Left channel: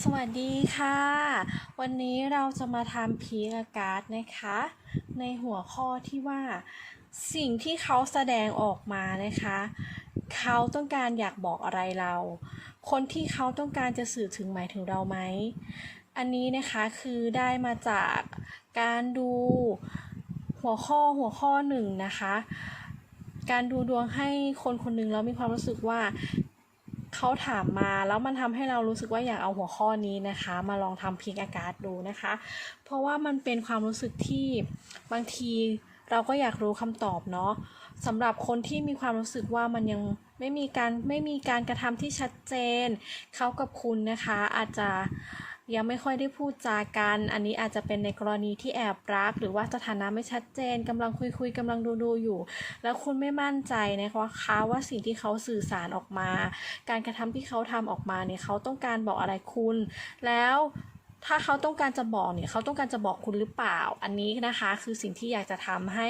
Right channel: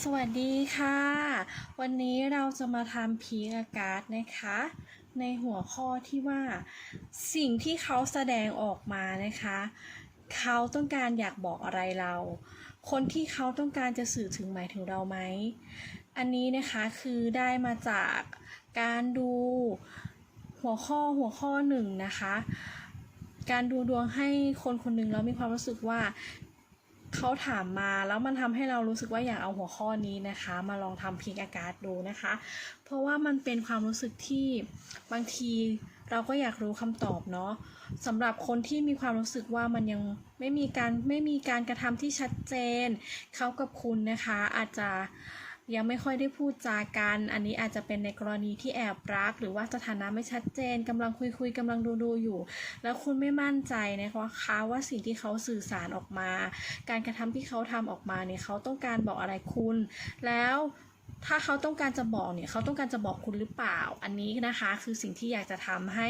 สวัสดีค่ะ วันนี้เราจะมาทำพีระการ์ดนะคะ ในหัวข้อที่ว่าสิ่งที่เขาแสดงออกมานะคะ เขาต้องการอยากบอกอะไรเรา คนที่เขาต้องการจะสื่อถึงหมายถึงเราไหม อันนี้นะคะคือได้มาจากการดูหัวข้อหัวข้อหนึ่งนะคะ การดูดวงให้คนคนหนึ่งแล้วมีความรู้สึกว่า เขาถามมาแล้วมันทำให้เรารู้สึกว่าอยากเอาหัวข้อนี้นะคะ มาลองทำพิกอากาศดูนะคะ เพราะว่ามันเป็นความรู้สึกที่บางทีเราก็อยากรู้คำตอบเนาะสำหรับคนที่มีความรู้สึกว่ามันยังไม่มีการไม่มีการกระทำที่ชัดเจน เขากับคุณนะคะอาจจะ ยังไม่ค่อยได้พูดจากัน อันนี้อาจจะเป็นในกรณีที่แอบรัก หรือว่าสถานะไม่ชัดเจนกำลังคุยคุยกำลังดูดูอยู่ แล้วคุณไม่มั่นใจนะคะคะว่าสิ่งที่เขาสื่อสารออกมา การกระทำที่เขาทำออกมาเนี่ยเขาต้องการบอกอะไรคุณ แล้วถ้าเขาต้องการจะบอกเนี่ยเขาต้องการจะบอกคุณหรือเปล่า อันนี้นะคะคือสิ่งที่อยากจะทำให้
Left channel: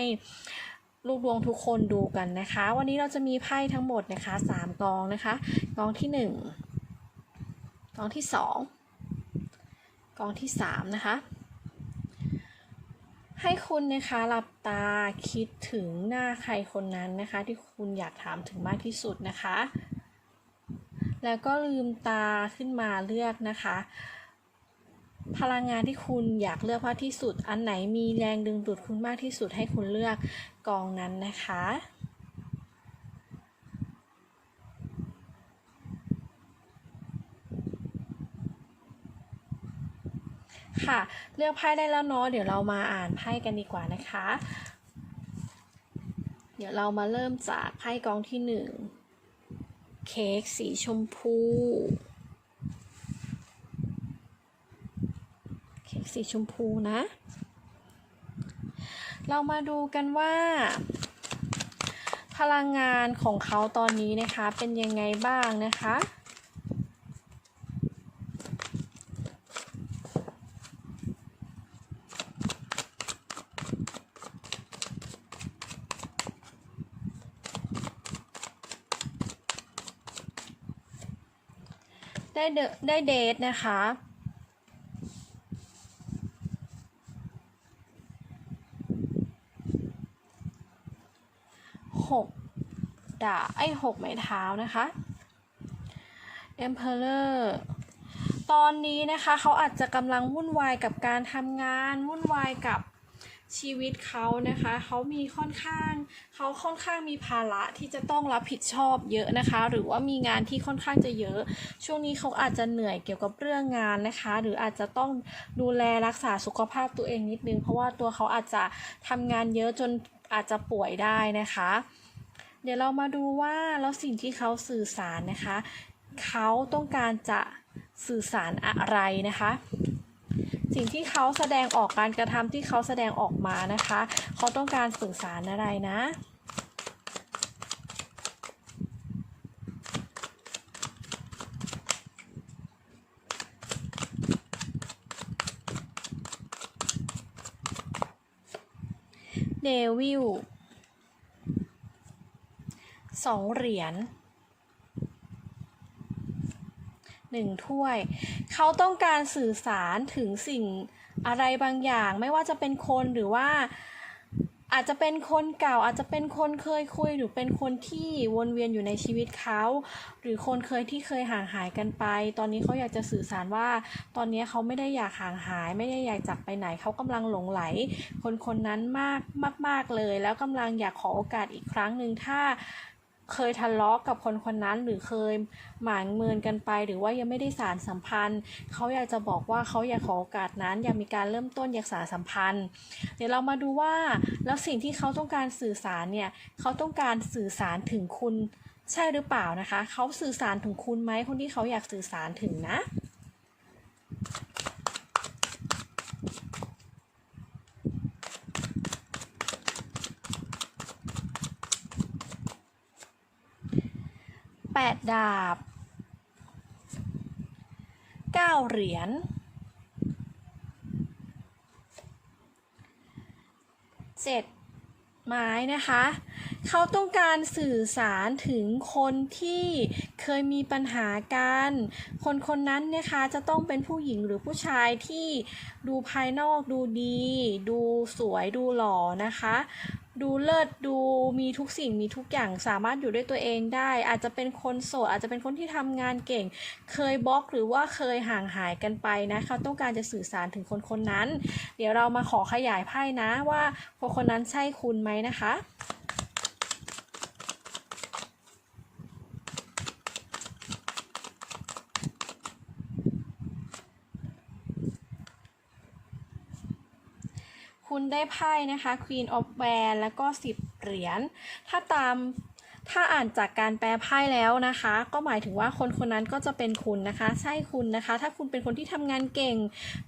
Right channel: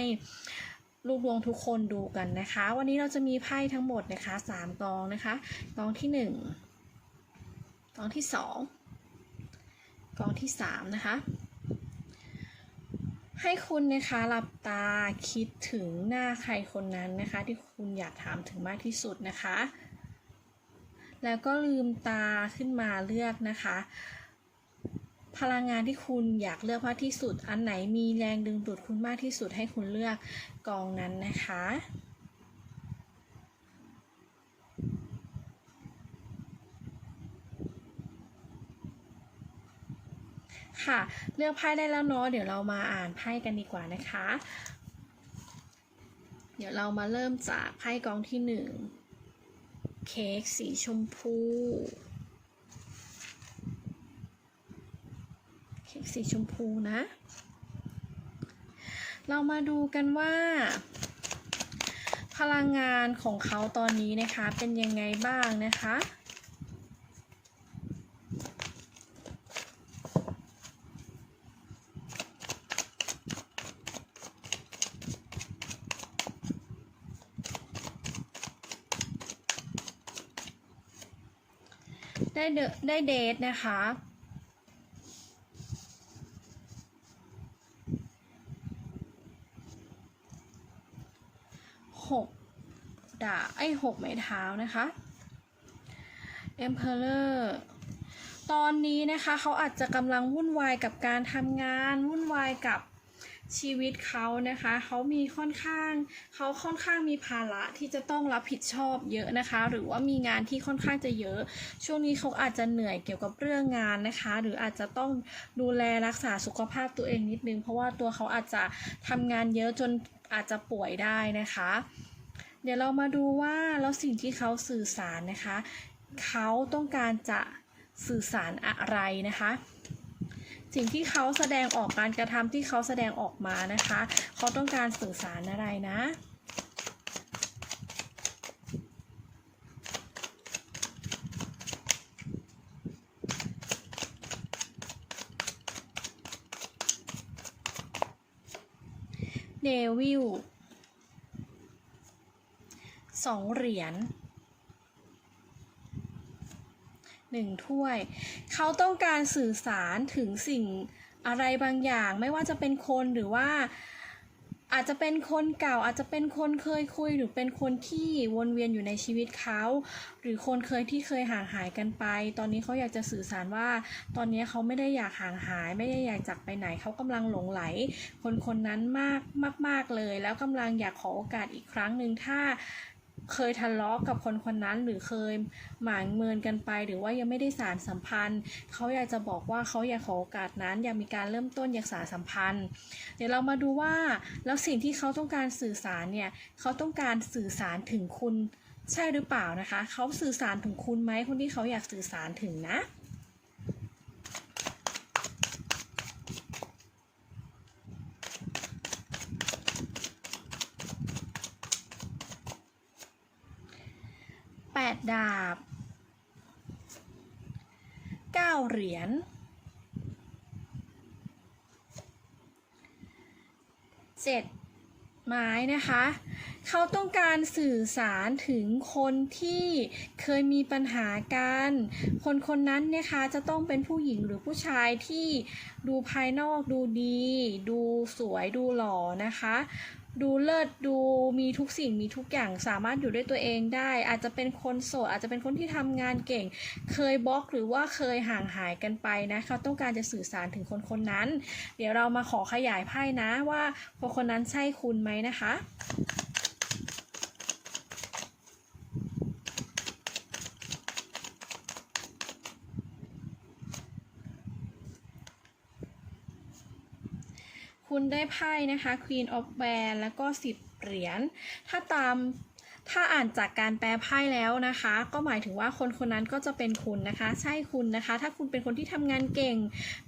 ลูกดวงทุกคนดูกันนะคะ วันนี้เราจะมีไพ่ทั้งหมดนะคะสามกองนะคะกองที่หนึ่งกองที่ส องกอที่สามนะคะ ให้คุณนะคะหลับตาคิดถึงหน้าใครคนนั้นนะคะ ที่คุณอยากถามถึงมากที่สุดนะคะ แล้วก็ลืมตาขึ้นมาเลือกนะคะ พลังงานที่คุณอยากเลือกมากที่สุด อันไหนมีแรงดึงดูดคุณมากที่สุดให้คุณเลือกกองนั้นนะคะ ค่ะ เลือกไพ่ได้แล้วเนาะเดี๋ยวเรามาอ่านไพ่กันดีกว่านะคะ เดี๋ยวเรามาเริ่มจากไพ่กองที่หนึ่งเค้กสีชมพูเค้กสีชมพูนะ เรามาดูกันว่า พลังงานของเขาตอนนี้นะคะเป็นยังไงบ้างนะคะ ได้เดได้เดทนะคะ หกดาไอ้หกไม้เท้านะคะ Emperor ตอนนี้นะคะเขาอาจจะกำลังวุ่นวายกับการทำงาน วุ่นวายกับ ชีวิตเขานะคะเขามีค่อนข้างเขาค่อนข้างมีภาระที่จะต้องรับผิดชอบเยอะนะคะ หรือว่ามีงานที่ค่อนข้างจะเยอะ ช่วงนี้เขาอาจจะเหนื่อยเกี่ยวกับเรื่องงานนะคะ หรืออาจจะต้องดูแลรักษาสุขภาพตัวเองนิดนึง เพราะว่าตัวเขาอาจจะทำงานเยอะจนอาจจะป่วยได้นะคะ เดี๋ยวเรามาดูว่าแล้วสิ่งที่เขาสื่อสารนะคะ เขาต้องการจะสื่อสารอะไรนะคะ สิ่งที่เขาแสดงออกการกระทำที่เขาแสดงออกมานะคะ เขาต้องการสื่อสารอะไรนะเดวิลสองเหรียญหนึ่งถ้วย เขาต้องการสื่อสารถึงสิ่งอะไรบางอย่าง ไม่ว่าจะเป็นคนหรือว่าอาจจะเป็นคนเก่าอาจจะเป็นคนเคยคุยหรือเป็นคนที่วนเวียนอยู่ในชีวิตเขา หรือคนเคยที่เคยห่างหายกันไป ตอนนี้เขาอยากจะสื่อสารว่า ตอนนี้เขาไม่ได้อยากห่างหาย ไม่ได้อยากจากไปไหนเขากำลังหลงไหล คนคนนั้นมากมากๆเลย แล้วกำลังอยากขอโอกาสอีกครั้งหนึ่งถ้า เคยทะเลาะกับคนคนนั้นหรือเคยหมางเมินกันไป หรือว่ายังไม่ได้สารสัมพันธ์ เขาอยากจะบอกว่าเขาอยากขอโอกาสนั้นอยากมีการเริ่มต้นอยากสารสัมพันธ์ เดี๋ยวเรามาดูว่าแล้วสิ่งที่เขาต้องการสื่อสารเนี่ยเขาต้องการสื่อสารถึงคุณใช่หรือเปล่านะคะ เขาสื่อสารถึงคุณไหมคนที่เขาอยากสื่อสารถึงนะ ดาบเก้าเหรียญเจ็ดไม้นะคะ เขาต้องการสื่อสารถึงคนที่เคยมีปัญหากัน คนคนนั้นเนะคะจะต้องเป็นผู้หญิงหรือผู้ชายที่ดูภายนอกดูดี ดูสวยดูหล่อนะคะ ดูเลิศดูมีทุกสิ่งมีทุกอย่างสามารถอยู่ด้วยตัวเองได้ อาจจะเป็นคนโสดอาจจะเป็นคนที่ทำงานเก่ง เคยบล็อกหรือว่าเคยห่างหายกันไปนะเขาต้องการจะสื่อสารถึงคนคนนั้น เดี๋ยวเรามาขอขยายไพ่นะว่าคนคนนั้นใช่คุณไหมนะคะ คุณได้ไพ่นะคะ Queen of w a n แล้วก็ 10 เหรียญ ถ้าตามถ้าอ่านจากการแปลไพ่แล้วนะคะ ก็หมายถึงว่าคนคนนั้นก็จะเป็นคุณนะคะ ใช่คุณนะคะ ถ้าคุณเป็นคนที่ทำงานเก่ง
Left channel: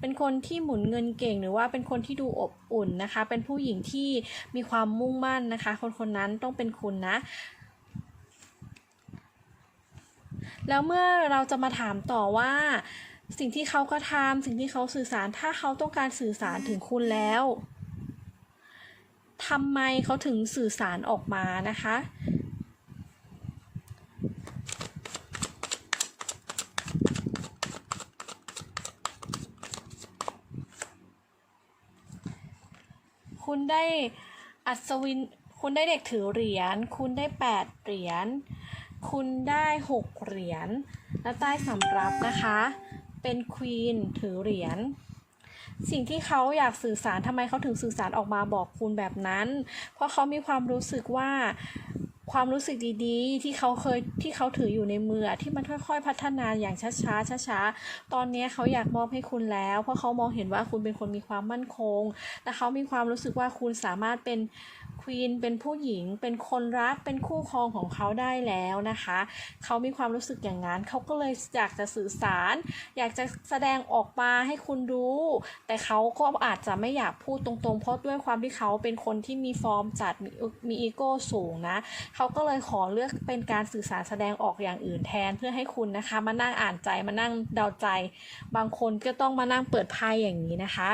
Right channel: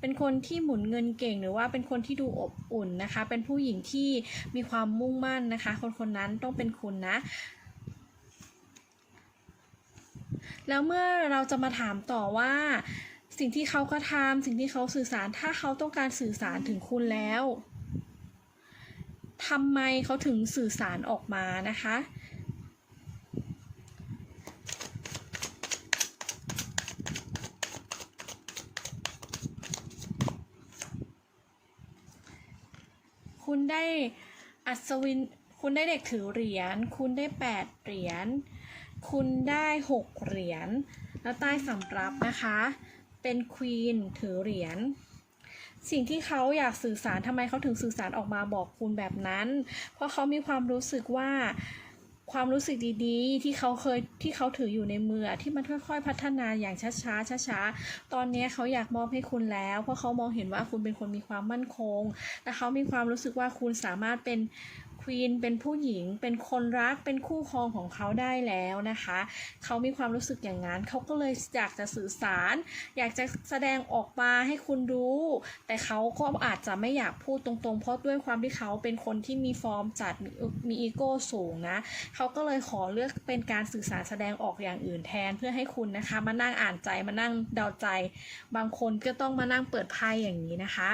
เป็นคนที่หมุนเงินเก่ง หรือว่าเป็นคนที่ดูอบอุ่นนะคะ เป็นผู้หญิงที่มีความมุ่งมั่นนะคะ คนคนนั้นต้องเป็นคุณนะแล้วเมื่อเราจะมาถามต่อว่า สิ่งที่เขาก็ทำสิ่งที่เขาสื่อสารถ้าเขาต้องการสื่อสารถึงคุณแล้ว ทำไมเขาถึงสื่อสารออกมานะคะ คุณได้อัศวิน คุณได้เด็กถือเหรียญ คุณได้แปดเหรียญ คุณได้หกเหรียญ แล้วใต้สำรับนะคะ เป็นควีนถือเหรียญ สิ่งที่เขาอยากสื่อสารทำไมเขาถึงสื่อสารออกมาบอกคุณแบบนั้น เพราะเขามีความรู้สึกว่าความรู้สึกดีๆ ที่เขาเคยที่เขาถืออยู่ในมือที่มันค่อยๆ พัฒนาอย่างช้าๆช้าๆตอนนี้เขาอยากมอบให้คุณแล้ว เพราะเขามองเห็นว่าคุณเป็นคนมีความมั่นคง และเขามีความรู้สึกว่าคุณสามารถเป็น ควีนเป็นผู้หญิงเป็นคนรักเป็นคู่ครองของเขาได้แล้วนะคะ เขามีความรู้สึกอย่างนั้นเขาก็เลยอยากจะสื่อสาร อยากจะแสดงออกมาให้คุณรู้ แต่เขาก็อาจจะไม่อยากพูดตรงๆ เพราะด้วยความที่เขาเป็นคนที่มีฟอร์มจัดมีมีอีโก้สูงนะเขาก็เลยขอเลือกเป็นการสื่อสารแสดงออกอย่างอื่นแทนเพื่อให้คุณนะคะมานั่งอ่านใจมานั่งเดาใจ บางคนก็ต้องมานั่งเปิดไพ่อย่างนี้นะคะ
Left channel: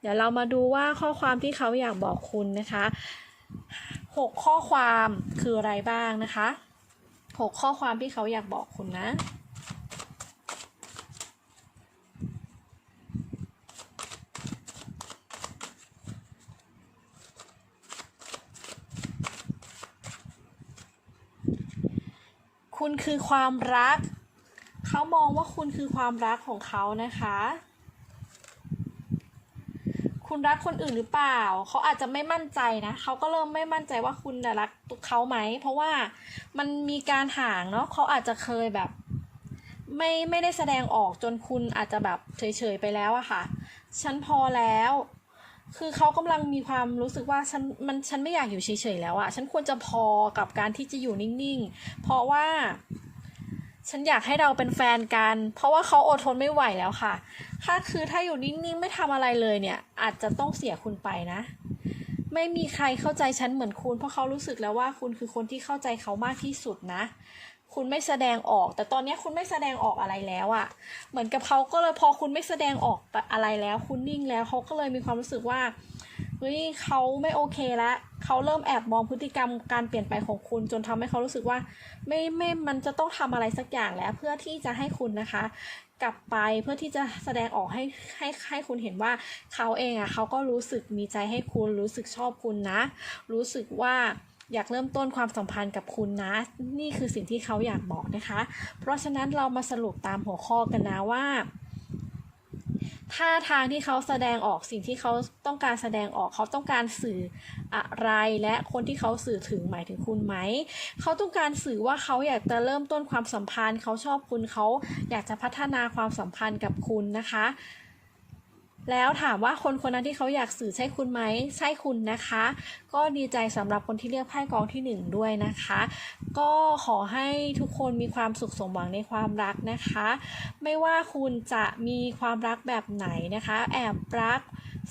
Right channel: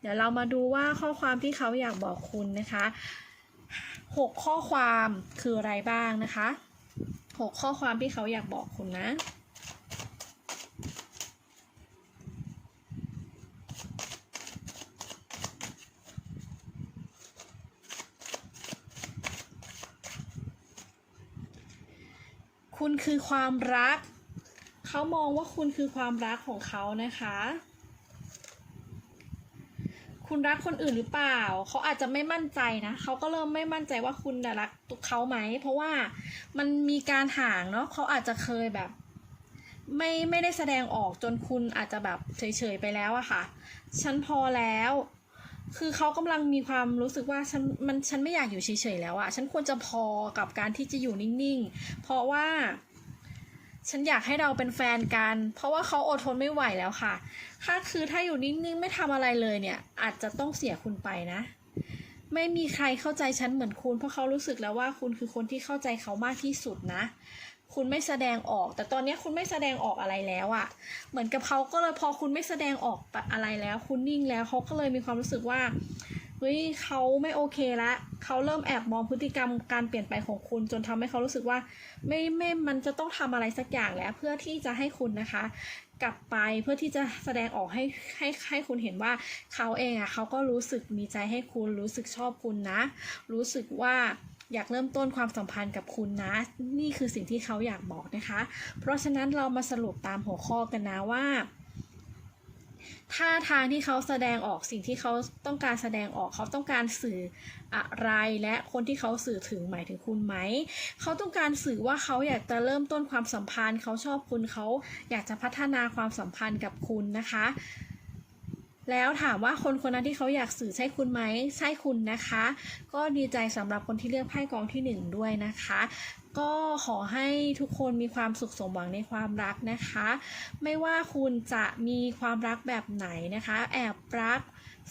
เดี๋ยวเรามาดูว่าข้อความที่เขาอยากบอกคุณนะคะ หกข้อความคืออะไรบ้างนะคะหกข้อความที่เขาอยากบอกคุณนะคุณคือความรัก เขามองว่าคุณคือความรักของเขานะคะ คุณรักคนอื่นหรือเปล่า เขาอาจจะไม่มั่นใจนะเขาก็เริ่มไม่มั่นใจว่าคุณน่รักเขาไหม เพราะว่ามันมีการห่างเนาะเขาอาจจะเคยแบบ ไม่ไม่ได้แสดงออกจนคุณอาจจะแบบเฉยๆไปแล้วอะค่ะ ฉันพอแล้ว คือเขากำลังมีความรู้สึกว่าฉันมันฉันไม่อยากอยู่เฉยๆแล้วอะฉันควรจะพอกับการที่จะอยู่นิ่งๆ เพราะว่า ฉันอยากให้เราเป็นแฟนกัน เพราะว่าเขาอดทนไม่ไหวแล้วค่ะ ถ้าคือถ้าอยู่นิ่งๆไม่ทำอะไรเลยเนี่ย อาจจะต้องเสียคุณไปนะ ไม่มีใครเข้าใจฉันเหมือนคุณ เพราะเขารู้สึกแล้วว่าคุณคือคนที่เข้าใจเขามากที่สุดนะ คุณไม่แสดงออก แต่ตอนนี้คุณไม่แสดงออกอะไรแล้วอะเหมือนกับเขาก็เลยพอคุณไม่แสดงออกอะไรแล้ว คุณนิ่งแล้วเขาก็เลยมีความรู้สึกว่าเฮ้ยเขาไม่โอเคละเขาเริ่มแอบมองพฤติกรรมการเปลี่ยนไปของคุณจนทำให้เขารู้สึกว่า ไม่ไม่มันจะต้องทำอะไรสักอย่างแล้ว เพื่อที่จะให้คุณนะคะ กลับไปเพื่อที่จะแสดงออกให้ให้ให้คุณเห็นว่าเขาเองอะเขาก็รู้สึกมีใจให้คุณรู้สึกชอบคุณนะ รู้สึกว่าอยากเริ่มต้นความสัมพันธ์กับคุณนะ นี่คือสิ่งที่เขาอยากบอกนะคะ เพราะฉะนั้นเรามาสรุปตามหัวข้อกันนะว่า ท่าทางที่เขาแสดงออกสิ่งที่เขาต้องการแสดงออกเขาต้องการสื่ออะไร และคนที่เขาสื่อถึงหมายถึงคุณไหม เขาต้องการสื่อว่าเขาอยากจะเริ่มต้นความสัมพันธ์ เขาชอบคุณเขาอยากจะพัฒนาความสัมพันธ์กับคุณนะคะ แล้วถามว่าคนคนนั้นที่เขาอยากสื่อใช่คุณไหมใช่คุณนะคะ ก็ดีใจสำหรับคนที่เลือกไพ่กองที่หนึ่งด้วยนะคะ ก็ขอให้ทุกคนมีความสุขสมหวังในความรักนะคะ ไม่ว่าคุณจะมีความรักแบบไหนนะคะ แอบรัก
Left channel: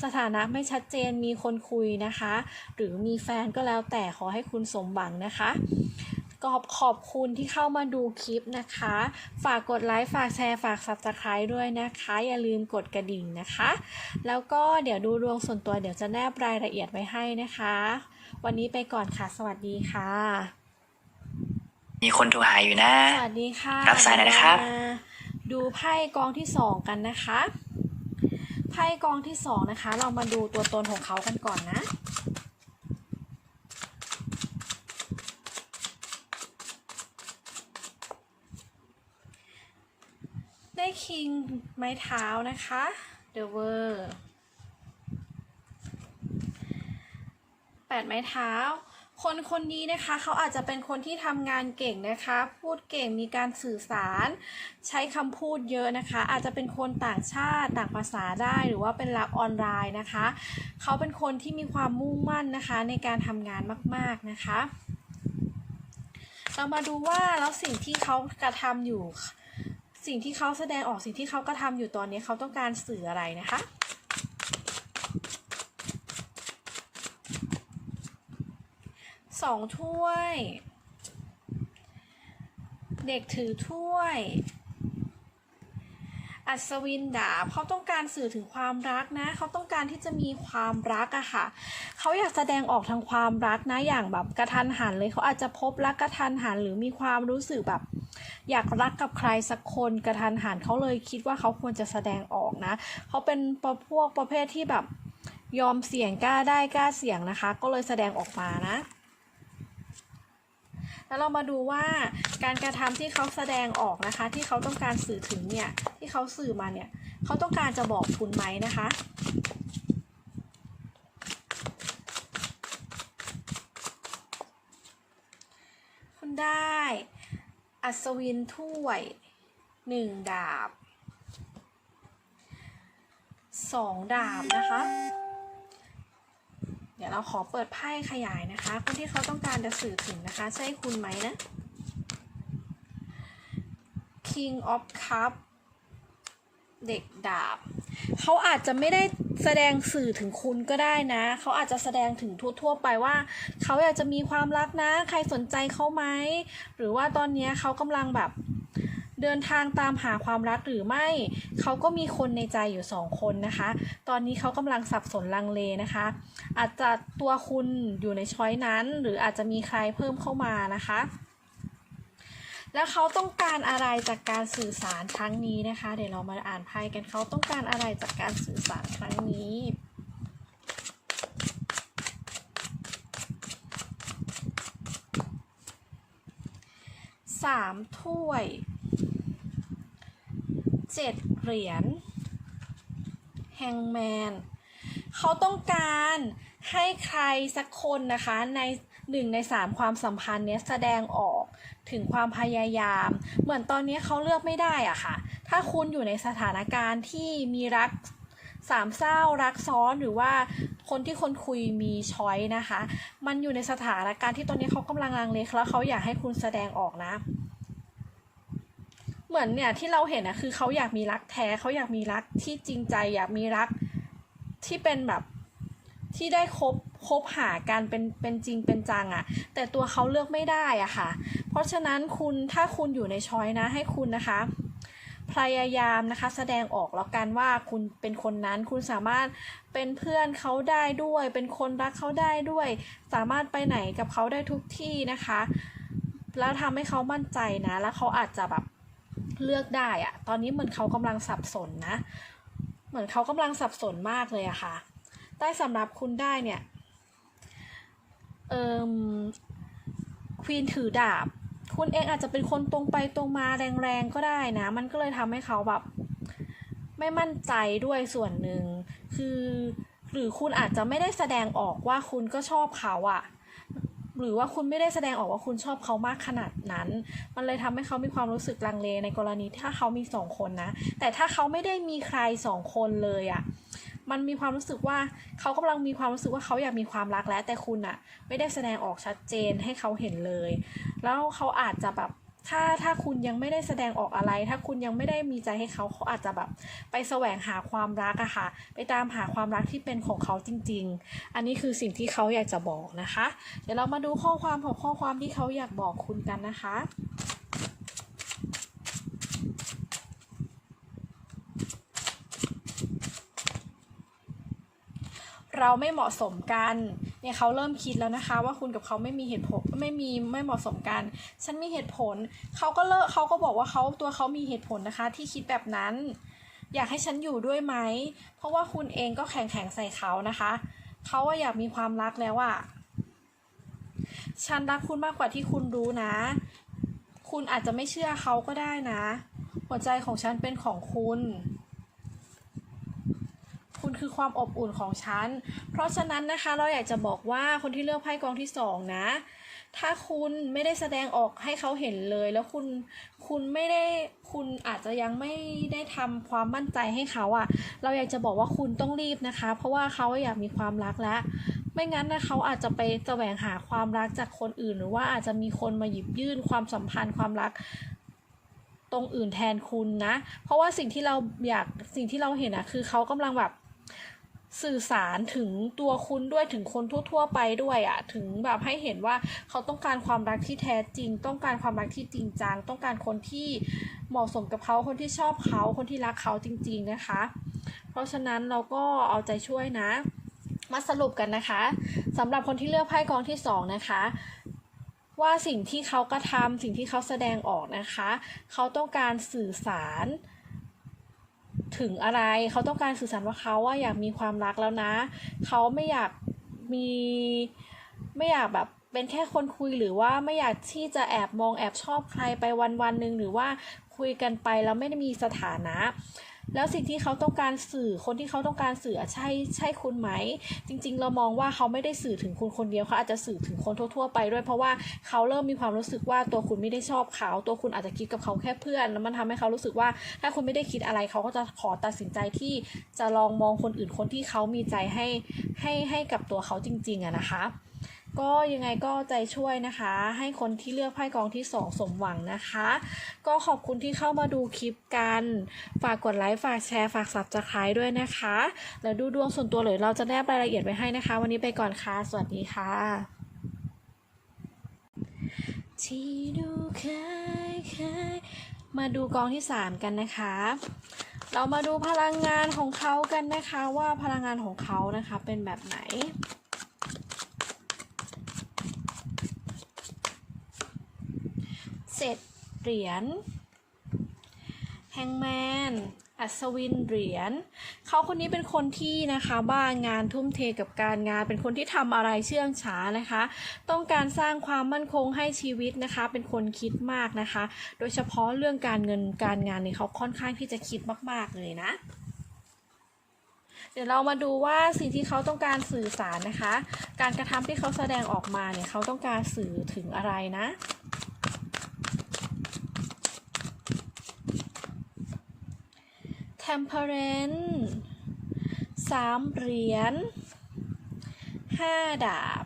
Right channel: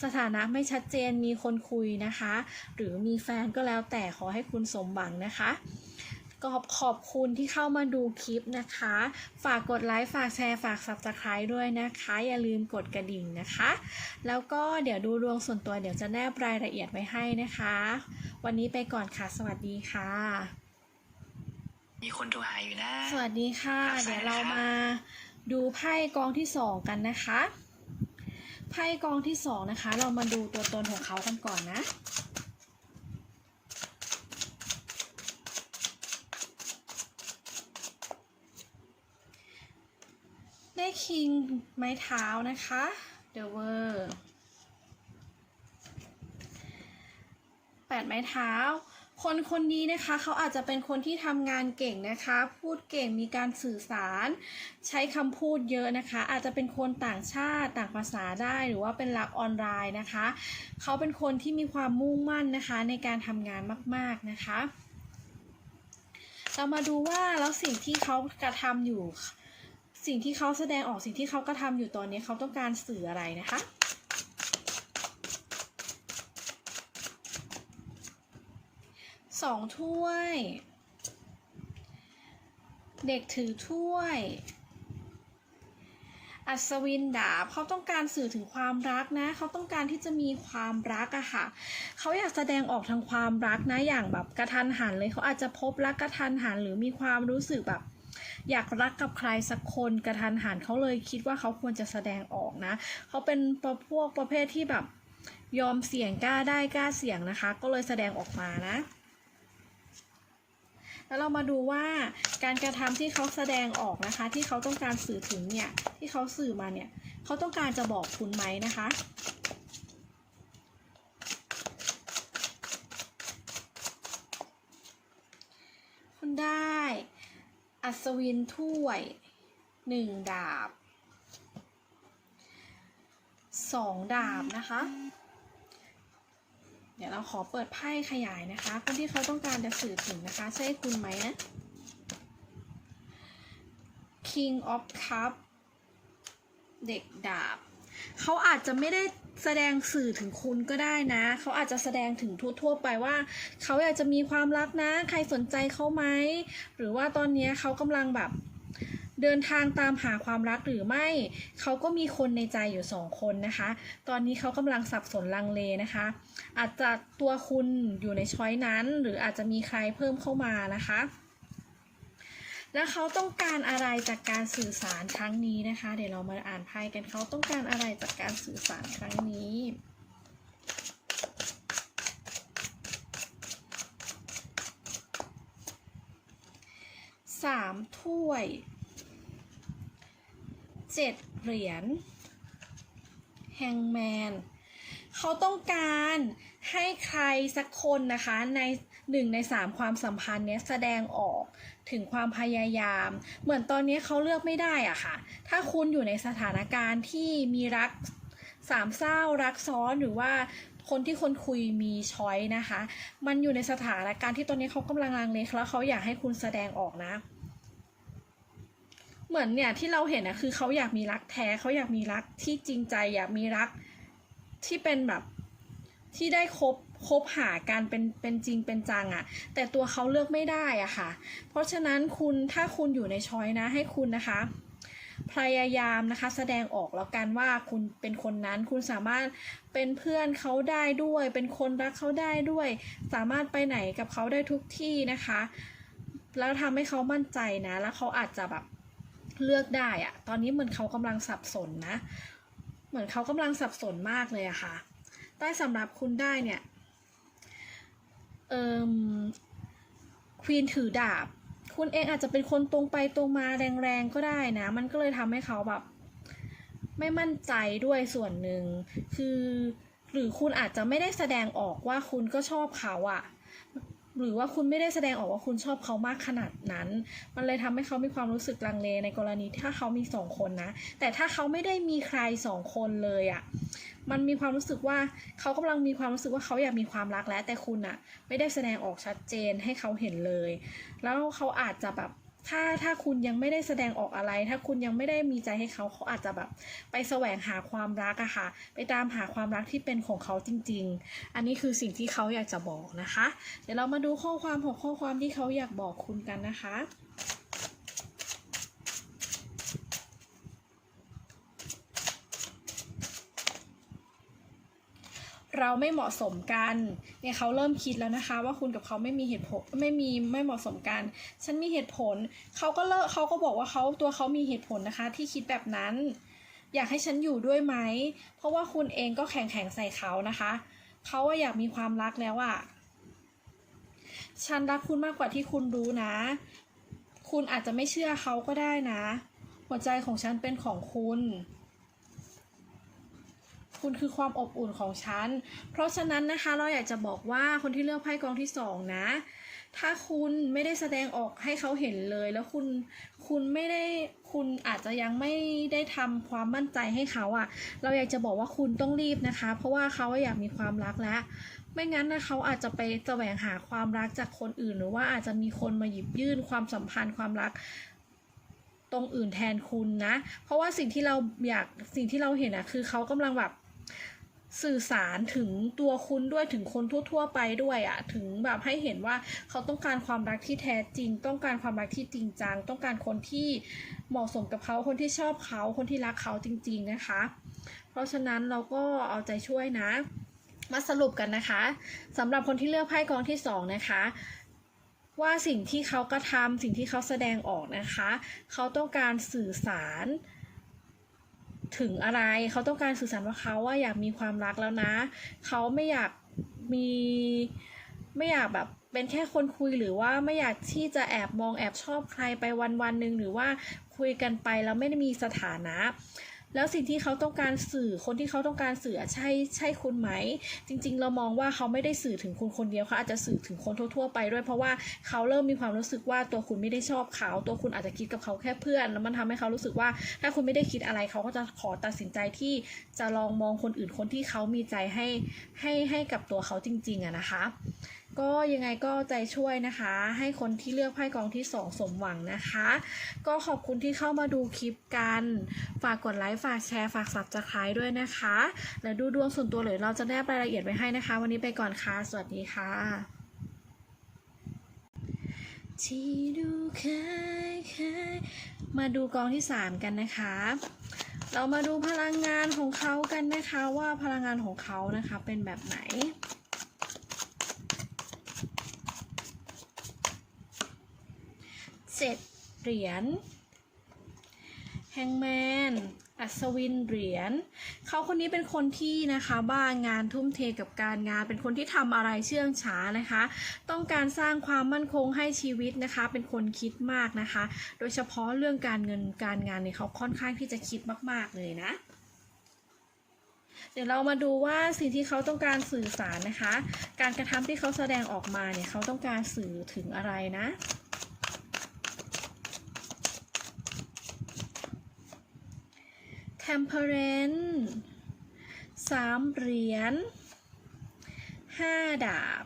สถานะไม่ชัดเจนมีคนคุยนะคะ หรือมีแฟนก็แล้วแต่ขอให้คุณสมหวังนะคะ ขอบขอบคุณที่เข้ามาดูคลิปนะคะ ฝากกดไลค์ ฝากแชร์ ฝาก subscribe ด้วยนะคะ อย่าลืมกดกระดิ่งนะคะ แล้วก็เดี๋ยวดูดวงส่วนตัวเดี๋ยวจะแนบรายละเอียดไว้ให้นะคะ วันนี้ไปก่อนค่ะ สวัสดีค่ะ มีคนโทรหาอยู่นะ สวัสดีค่ะรับสายหน่อยนะครับ เดี๋วเามาดูไพ่กองที่สองกันนะคะ ไพ่กองที่สองนะคะ เรามาดูตัวตนของเขากันก่อนนะ ได้คิงไม้เท้านะคะเดอะเวอร์แปดไม้เท้า คนคนนี้นะคะเขาอาจจะเป็นคนที่ทำงานเก่งนะคะ พูดเก่งมีการสื่อสาร ใช้คำพูดเยอะนะคะ อาจจะเป็นคนต่างชาติต่างภาษาได้หรือว่าเป็นรับออนไลน์นะคะเขาเป็นคนที่มีความมุ่งมั่นนะคะ ในการทำงานมากๆนะคะ เรามาดูว่าแล้วสิ่งที่เขากระทำอยู่ สิ่งที่เขาแสดงออกสิ่งที่เขากระทำอยู่ตอนนี้เขาต้องการสื่ออะไรนะคะสองถ้วย เด็กถือถ้วย อัศวินดาบเขาต้องการสื่อถึงความรักนะ เขาต้องการที่จะมีความรักอะค่ะ เขาอยากแสดงออกทางความรักนะ อย่างแบบกระทันหันเลย เขาอาจจะพบรักกระทันหันหรือมีความรู้สึกแบบ อยากรักกับใครสักคนกระทันหันเขาเลยคิดว่าเขาควรจะแสดงออกนะ เขาเป็นประพวกประเภทที่แบบยอมเสี่ยงกล้าได้กล้าเสี่ยงนะคะ ก็เลยแสดงออกมานะ แล้วเรามาดูว่าการกระทำที่เขาแสดงออกนะคะ ที่เขาต้องการสื่อถึงเนี่ยที่เขาสื่อมาเนี่ยเขาต้องการจะบอกคุณไหมนะคะคุณได้อัศวินถ้วยหนึ่งดาบสองดาบนะคะ เดี๋ยวเราขอเปิดไพ่ขยายนะคะ คนที่เขาต้องการจะสื่อถึงนะคะ ใช่คุณไหมนะ King of Cup เด็กดาบ เขาอาจจะไม่ได้แสดงสื่อถึงคุณก็ได้นะ เขาอาจจะแสดงถึงทั่ว ๆ ไปว่า เขาอยากจะมีความรักนะ ใครสนใจเขาไหม หรือว่าตอนนี้เขากำลังแบบ เดินทางตามหาความรักหรือไม่ เขาก็มีคนในใจอยู่สองคนนะคะ ตอนนี้เขากำลังสับสนลังเลนะคะ อาจจะตัวคุณอยู่ในช้อยนั้น หรืออาจจะมีใครเพิ่มเข้ามานะคะและเขาต้องการอะไรจากการสื่อสารครั้งนี้นะคะ เดี๋ยวเรามาอ่านไพ่กันเขาต้องการอะไรจากการสื่อสารครั้งนี้ สามถ้วย เจ็ดเหรียญแฮงแมนเขาต้องการให้ใครสักคนนะคะในหนึ่งในสามความสัมพันธ์เนี้ยแสดงออกถึงความพยายาม เหมือนตอนนี้เขาเลือกไม่ได้อะค่ะ ถ้าคุณอยู่ในสถานการณ์ที่มีรักสามเศร้ารักซ้อนหรือว่าคนที่คนคุยมีช้อยนะคะ มันอยู่ในสถานการณ์ที่ตอนนี้เขากำลังลังเลแล้วเขาอยากให้คุณแสดงออกนะ เหมือนเนี่ยที่เราเห็นนะคือเขาอยากมีรักแท้เขาอยากมีรักที่จริงใจอยากมีรักที่เป็นแบบที่ได้คบคบหากันเป็นเป็นจริงเป็นจังอะแต่ตัวเขาเลือกไม่ได้อะค่ะ เพราะฉะนั้นคุณถ้าคุณอยู่ในช้อยนะ ให้คุณนะคะ พยายามนะคะ แสดงออกแล้วกันว่าคุณเป็นคนนั้น คุณสามารถเป็นเพื่อนเขาได้ด้วย เป็นคนรักเขาได้ด้วย สามารถไปไหนกับเขาได้ทุกที่นะคะ แล้วทำให้เขามั่นใจนะ แล้วเขาอาจจะแบบ เลือกได้อะตอนนี้เหมือนเขากำลังสับสนนะ เหมือนเขากำลังสับสนมากเลยอะค่ะได้สำหรับคุณได้เนี่ย เอ่มควีนถือดาบ คุณเองอาจจะเป็นคนตรงไปตรงมาแรงๆก็ได้นะ มันก็เลยทำให้เขาแบบ ไม่มั่นใจด้วยส่วนหนึ่ง คือ หรือคุณอาจจะไม่ได้แสดงออกว่าคุณก็ชอบเขาอะ หรือว่าคุณไม่ได้แสดงออกว่าคุณชอบเขามากขนาดนั้น มันเลยทำให้เขามีความรู้สึกลังเลในกรณีถ้าเขามีสองคนนะ แต่ถ้าเขาไม่ได้มีใครสองคนเลยอะมันมีความรู้สึกว่าเขากำลังมีความรู้สึกว่าเขาอยากมีความรักแล้วแต่คุณอะ ไม่ได้แสดงออกชัดเจนให้เขาเห็นเลย แล้วเขาอาจจะแบบ ถ้าถ้าคุณยังไม่ได้แสดงออกอะไร ถ้าคุณยังไม่ได้มีใจให้เขาเขาอาจจะแบบไปแสวงหาความรักอะค่ะ ไปตามหาความรักที่เป็นของเขาจริง ๆ อันนี้คือสิ่งที่เขาอยากจะบอกนะคะ เดี๋ยวเรามาดูข้อความของข้อความที่เขาอยากบอกคุณกันนะคะเราไม่เหมาะสมกัน เนี่ยเขาเริ่มคิดแล้วนะคะ ว่าคุณกับเขาไม่มีเหตุผลไม่มีไม่เหมาะสมกัน ฉันมีเหตุผลเขาก็เลิกเขาก็บอกว่าเขาตัวเขามีเหตุผลนะคะ ที่คิดแบบนั้น อยากให้ฉันอยู่ด้วยไหม เพราะว่าคุณเองก็แข่งแข่งใส่เขานะคะเขาว่าอยากมีความรักแล้วอะฉันรักคุณมากกว่าที่คุณรู้นะ คุณอาจจะไม่เชื่อเขาก็ได้นะ หัวใจของฉันเป็นของคุณ คุณคือความอบอุ่นของฉัน เพราะฉะนั้นนะคะเราอยากจะบอกว่าคนที่เลือกไพ่กองที่สองนะ ถ้าคุณไม่ได้แสดงออกให้เขาเห็นเลย แล้วคุณคุณไม่ได้คุณอาจจะยังไม่ได้ทำความมั่นใจให้เขาอะเราอยากจะบอกว่าคุณต้องรีบนะคะ เพราะว่าเขาอยากมีความรักแล้วไม่งั้นนะเขาอาจจะไปแสวงหาความรักจากคนอื่น หรือว่าอาจจะมีคนมาหยิบยื่นความสัมพันธ์ความรักตรงอื่นแทนคุณนะ เพราะว่าสิ่งที่เราอยากสิ่งที่เราเห็นอะคือเขากำลังแบบ สื่อสารถึงตัวคุณด้วยถึงคนทั่ว ๆ ไปด้วยอะถึงแบบให้เห็นว่าเขาต้องการความรักที่แท้จริง ต้องการความรักที่จริงจังต้องการคนที่เหมาะสมกับเขาคนที่ชอบเขาคนที่รักเขาจริง ๆนะคะ เพราะฉะนั้นเราก็เอาใจช่วยนะ มาสรุปกันนะคะสำหรับคนที่เลือกไพ่กองที่สองนะคะว่าสิ่งที่เขากระทำสิ่งที่เขาแสดงออกนะคะ เขาต้องการสื่อสาร ถึงอะไร เขาต้องการสื่อสารว่าเขาว่าอยากมีความรักแล้วนะ เขาไม่อยากมีไม่อยากแบบเป็นแค่คนคุยหรือว่าไม่อยากที่จะแอบมองแอบชอบใครไปวันวันหนึ่งหรือว่าคุยกันไปแล้วไม่ได้มีสถานะ แล้วสิ่งที่เขาต้องการสื่อคนที่เขาต้องการสื่อใช่ใช่คุณไหม จริง ๆ เรามองว่าเขาไม่ได้สื่อถึงคุณคนเดียวเขาอาจจะสื่อถึงคนทั่ว ๆ ไปด้วย เพราะว่าเขาเริ่มมีความรู้สึกว่าตัวคุณไม่ได้ชอบเขา ตัวคุณอาจจะคิดกับเขาแค่เพื่อน แล้วมันทำให้เขารู้สึกว่า ถ้าคุณไม่ได้คิดอะไรเขาก็จะขอตัดสินใจที่จะลองมองคนอื่นคนที่เขามีใจให้ให้ให้กับตัวเขาจริง ๆอะนะคะ ก็ยังไงก็ใจช่วยนะคะ ให้คนที่เลือกไพ่กองที่สองสมหวังนะคะ ก็ขอบคุณที่เข้ามาดูคลิปกัน ฝากกดไลค์ฝากแชร์ฝากสับสไครด้วยนะคะ แล้วดูดวงส่วนตัวเลยเราจะแนบรายละเอียดไว้ให้นะคะ วันนี้ไปก่อนค่ะ สวัสดีค่ะที่ดูคยคยมาดูกองที่ 3 กันนะคะ เรามาดูพลังงานของเขากันนะคะว่าพลังงานของเขานะคะเป็นแบบไหน เจ็ดเหรียญแฮงแมนอัศวินเหรียญเขาคนนี้เป็นคนที่นะคะบ้างานทุ่มเทกับการงาน เป็นคนที่ทำอะไรเชื่องช้านะคะ ต้องการสร้างความมั่นคงให้ชีวิตนะคะ เป็นคนคิดมากนะคะ โดยเฉพาะเรื่องการเงินการงานเนี่ยเขาค่อนข้างที่จะคิดมาก ๆ เลยนะ เดี๋ยวเรามาดูว่าสิ่งที่เขาต้องการสื่อสารนะคะ การกระทำที่เขาแสดงออกมาเนี่ยเขาต้องการสื่อถึงอะไรนะ temperance สามเหรียญห้าดาบ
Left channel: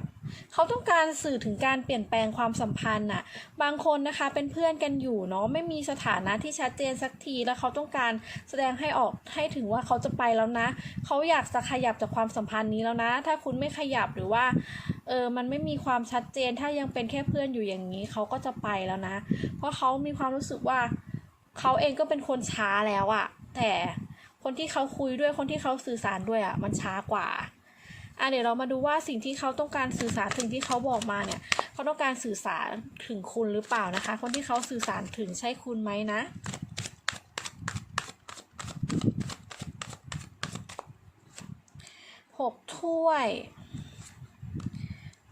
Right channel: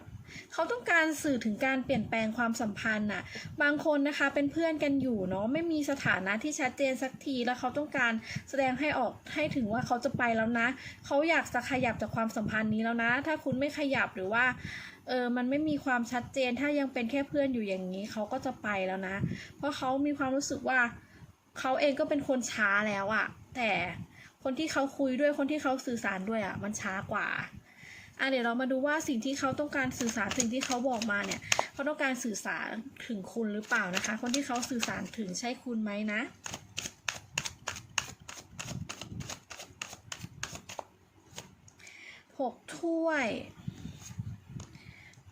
เขาต้องการสื่อถึงการเปลี่ยนแปลงความสัมพันธ์น่ะ บางคนนะคะเป็นเพื่อนกันอยู่เนาะไม่มีสถานะที่ชัดเจนสักทีแล้วเขาต้องการแสดงให้ออกให้ถึงว่าเขาจะไปแล้วนะ เขาอยากจะขยับจากความสัมพันธ์นี้แล้วนะ ถ้าคุณไม่ขยับหรือว่าเออมันไม่มีความชัดเจนถ้ายังเป็นแค่เพื่อนอยู่อย่างนี้เขาก็จะไปแล้วนะ เพราะเขามีความรู้สึกว่าเขาเองก็เป็นคนช้าแล้วอะ แต่คนที่เขาคุยด้วยคนที่เขาสื่อสารด้วยอะมันช้ากว่าอะเดี๋ยวเรามาดูว่าสิ่งที่เขาต้องการสื่อสารสิ่งที่เขาบอกมาเนี่ยเขาต้องการสื่อสารถึงคุณหรือเปล่านะคะ คนที่เขาสื่อสารถึงใช่คุณไหมนะหกถ้วย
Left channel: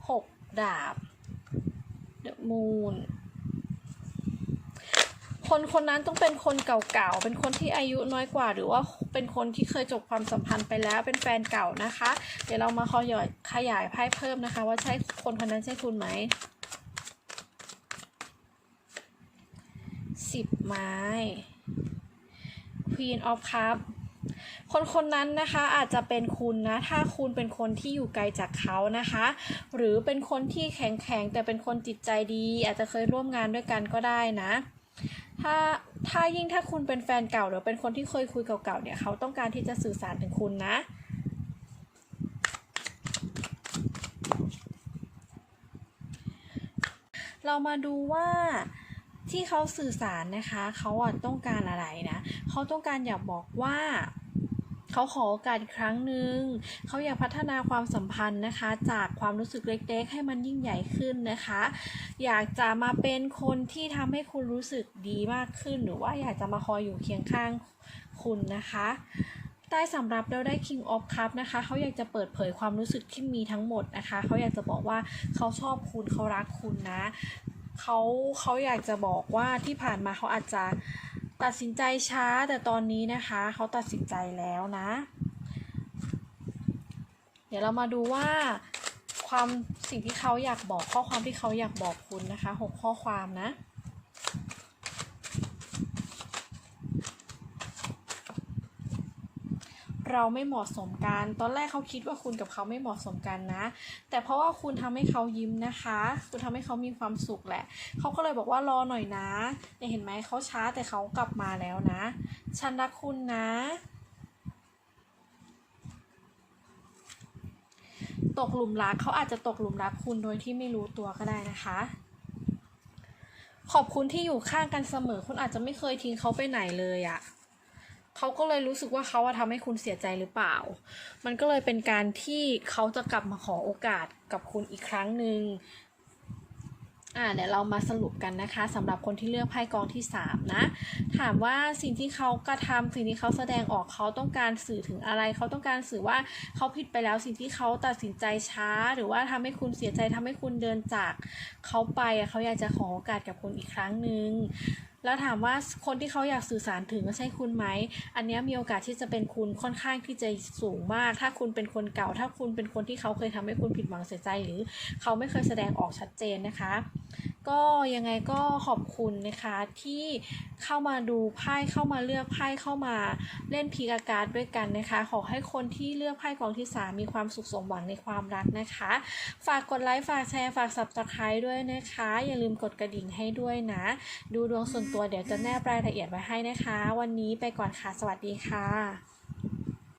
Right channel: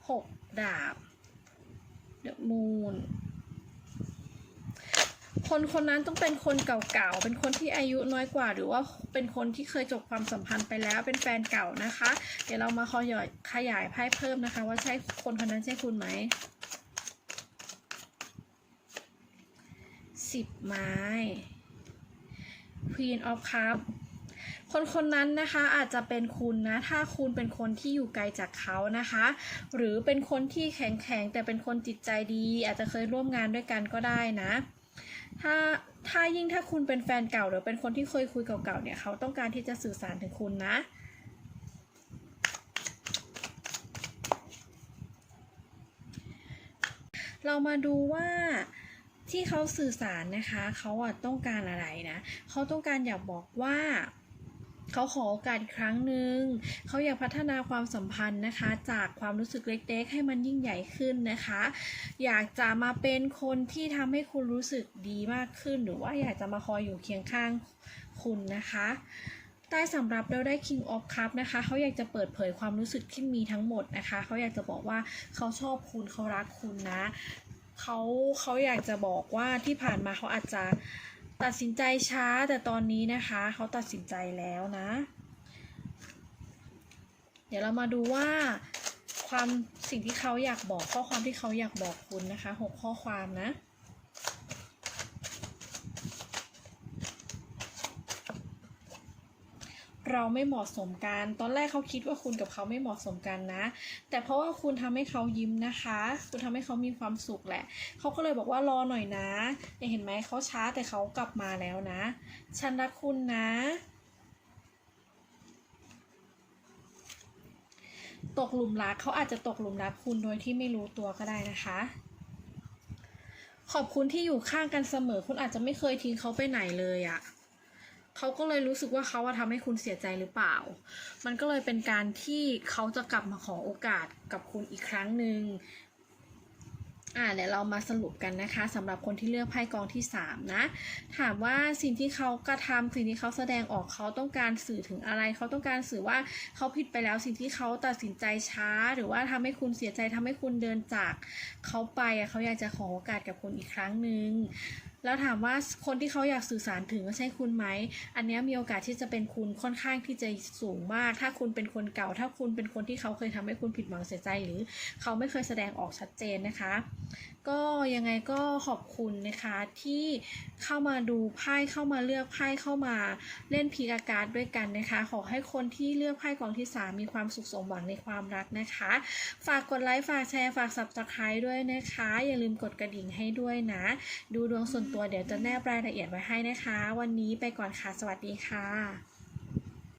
หกดาบเดอะมูน คนคนนั้นต้องเป็นคนเก่าๆ เป็นคนที่อายุน้อยกว่า หรือว่าเป็นคนที่เคยจบความสัมพันธ์ไปแล้ว เป็นแฟนเก่านะคะ เดี๋ยวเรามาขยายขยายไพ่เพิ่มนะคะ ว่าใช่คนคนนั้นใช่คุณไหมสิบไม้ Queen of cups คนคนนั้นนะคะอาจจะเป็นคุณนะ ถ้าคุณเป็นคนที่อยู่ไกลจากเขานะคะ หรือเป็นคนที่แข็งแข็งแต่เป็นคนจิตใจดี อาจจะเคยร่วมงานด้วยกันก็ได้นะ ถ้าถ้ายิ่งถ้าคุณเป็นแฟนเก่าหรือเป็นคนที่เคยคุยเก่าๆเนี่ยเขาต้องการที่จะสื่อสารถึงคุณนะ เรามาดูว่าที่เขาสื่อสารนะคะ เขาอะต้องการอะไรนะ เขาต้องการอยากบอกว่า เขาขอโอกาสอีกครั้งหนึ่งเขาอยากพัฒนาความสัมพันธ์นะคะ จากความรู้สึกเล็กๆ ให้มันยิ่งใหญ่ขึ้นนะคะ อยากจะมาเป็นคนที่ทำให้คุณรู้สึกดีมากขึ้น หรือว่าอยากจะมาคอยอยู่เคียงข้างคุณนะคะใต้สำหรับเราได้ King of Cup นะคะเขาอยากจะเปิดเผยความรู้สึกที่มีทั้งหมดนะคะเขาอยากจะบอกว่าเขาชอบคุณเขารักคุณนะเขาเขาอยากจะบอกว่าที่ผ่านมาเขาอาจจะ ตัดสินใจช้าแต่ตอนนี้นะคะเขาตัดสินใจแล้วนะ เดี๋ยวเรามาดูว่าความสิ่งที่เขาอยากบอกข้อความที่เขาอยากบอกคุณนะคะหกข้อความนะ เราไม่เหมาะสมกัน ตอนแรกเขาคิดว่าคุณกับเขาไม่เหมาะสมกันนะ แต่เพราะว่าคุณทำให้เขายิ้มนะคะ คุณทำให้เขามีความสุขแหละ เขาก็เลยบอกว่ารอหน่อยนะเนี่ยเห็นไหมเขาช้าแต่เขากลับมาแล้วนะ ฉันรักคุณนะ ตกหลุมรักเขาอาจจะตกหลุมรักคุณโดยที่ไม่รู้ตัวก็ได้นะคะขอบคุณที่อยู่ข้างกันเสมอ คุณอาจจะไม่เคยทิ้งเขาไปไหนเลยอะ่ะ เขาก็เลยรู้สึกว่าเขาอะทำให้คุณเสียใจหรือเปล่า มันก็เลยเป็นการที่เขาจะกลับมาขอโอกาสกับคุณอีกครั้งหนึ่งอ่าเดี๋ยวเรามาสรุปกันนะคะสำหรับคนที่เลือกไพ่กองที่ 3 นะ ถามว่าสิ่งที่เขากระทำสิ่งที่เขาแสดงออกเขาต้องการสื่อถึงอะไร เขาต้องการสื่อว่าเขาผิดไปแล้วสิ่งที่เขาตัดสินใจช้า หรือว่าทำให้คุณเสียใจทำให้คุณเดินจากเขาไปเขาอยากจะขอโอกาสกับคุณอีกครั้งหนึ่งแล้วถามว่าคนที่เขาอยากสื่อสารถึงใช่คุณไหม อันนี้มีโอกาสที่จะเป็นคุณค่อนข้างที่จะสูงมาก ถ้าคุณเป็นคนเก่า ถ้าคุณเป็นคนที่เขาเคยทำให้คุณผิดหวังเสียใจหรือ เขาไม่เคยแสดงออกชัดเจนนะคะ ก็ยังไงก็ขอบคุณนะคะที่เข้ามาดูไพ่เข้ามาเลือกไพ่เข้ามาเล่นพีกาการ์ดด้วยกันนะคะ ขอให้คนที่เลือกไพ่กองที่ 3 มีความสุขสมหวังในความรักนะคะ ฝากกดไลค์ฝากแชร์ฝาก subscribe ด้วยนะคะ อย่าลืมกดกระดิ่งให้ด้วยนะ ดูดวงส่วนตัวเดี๋ยวจะแนบรายละเอียดไว้ให้นะคะ วันนี้ไปก่อนค่ะ สวัสดีค่ะ